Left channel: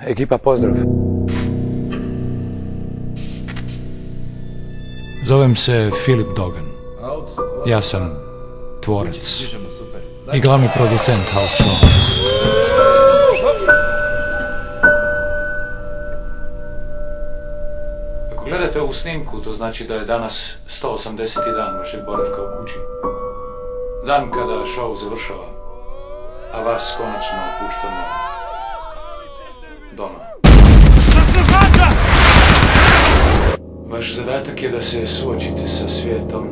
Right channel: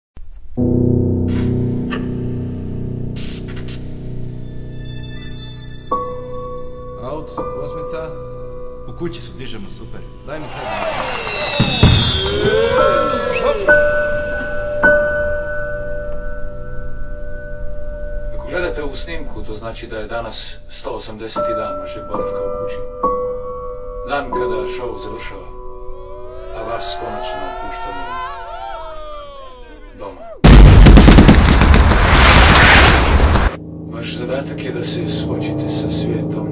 Ekipa, pozdrav. Zovem se Filip Dogan. Ja sam tvorac i glavni producent vaš. Ako gledate ovu snimku, to znači da je danas 180. dan vašeg boravka u kući. Dan kada show završava, a vas konačno puštamo doma. Vaš zadatak je da se suočite sa svijetom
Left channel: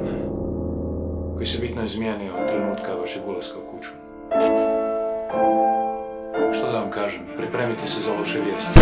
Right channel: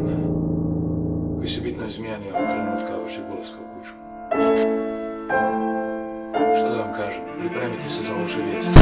koji se bitno izmijenio od trenutka vašeg ulaska u kuću. Što da vam kažem, pripremite se za loše vijesti.